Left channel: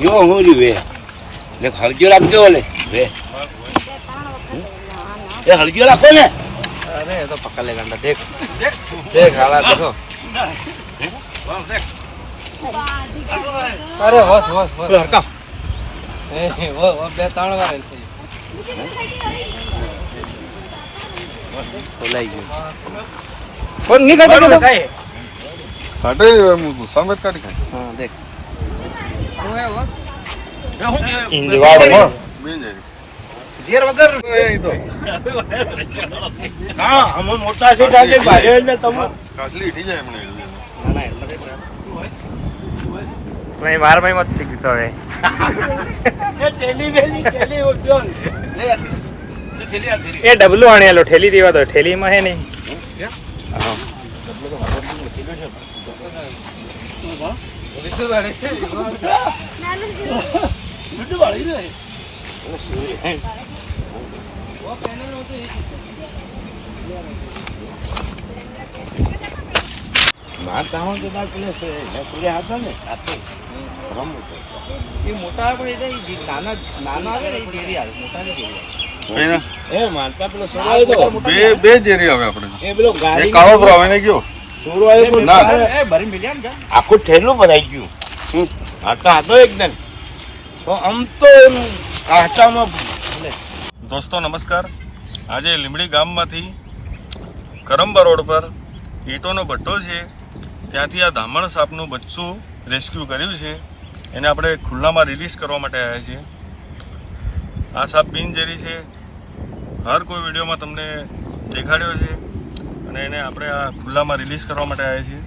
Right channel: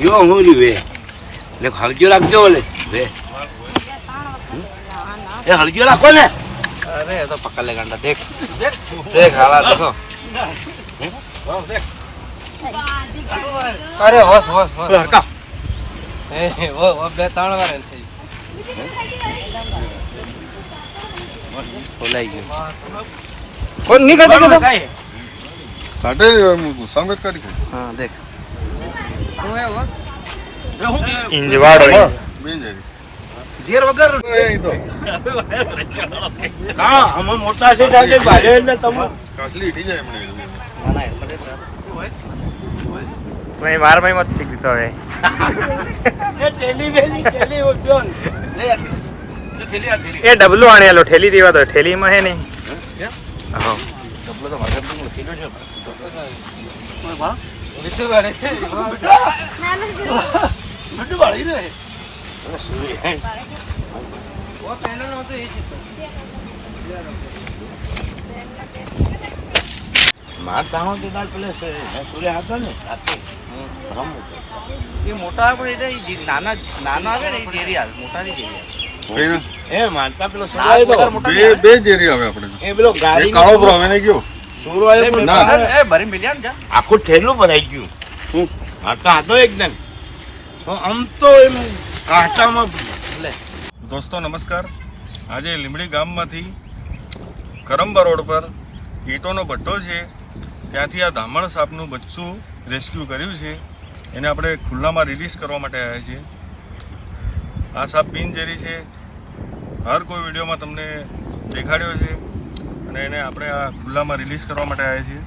જો હું જ વે ને હળજો રાખજો ઓલે વે એ હળજો રાખો ને अरे ये तो पकड़ ले गंडा देख देख हालात देखो अरे होश होश होश हरका ए वो बे ताण वाले છે બોલાઈ ગયું કોઈ ની કાઢે કે કાઢે ગુસ્સા મત કાઢી ખાય હા દેખ ઇંજવાડો બેન જાય ઘેર વગર એ તો હા અમે મોટા છે કારણ ભાઈ એટલે તમે કાસલી ઈટી જાય મને ના ના એટલે ભાઈ માર ભાઈ મત શીખતો હે એ થેલી ઓછો એ ડબલું આણેલો ઠેલી દેવા તો ઠેલીમાં હે નહીં મોટા પણ નાના નાના આવે ને એ ડેરી આવે મોટા ની ડેરી કઈ એ માનતા પેલો સુરો આવ્યો તો બે બે જેરી આવે આપણે એ પેલો એક ગાડી કાળો તો આવે ને ગયો સુરો આવ્યો ના. એ ભરી મિલ્યા ને આખું થેલું ભરાઈ ગયું હા તો હતો એકદમ તો આમ તો એમ કાંટામાં દોસ્તો નમસ્કાર આજે લીમડી ગામમાંથી કરંબા રોડ પર ઈંટોનો ભઠ્ઠો છે ત્યાંથી આ ધામણ સાપનું બચ્ચું રેસ્ક્યુ કર્યું છે એને આપણે ખુલ્લામાં રિલીઝ કરવા માટે આવ્યા છીએ આ સાપ બિનઝેરી છે હર કોઈ વિડીયોમાં તમને દેખાડ્યો છે અને એને આપણે આ ખુલ્લામાં રિલીઝ કરવા માટે આવ્યા છીએ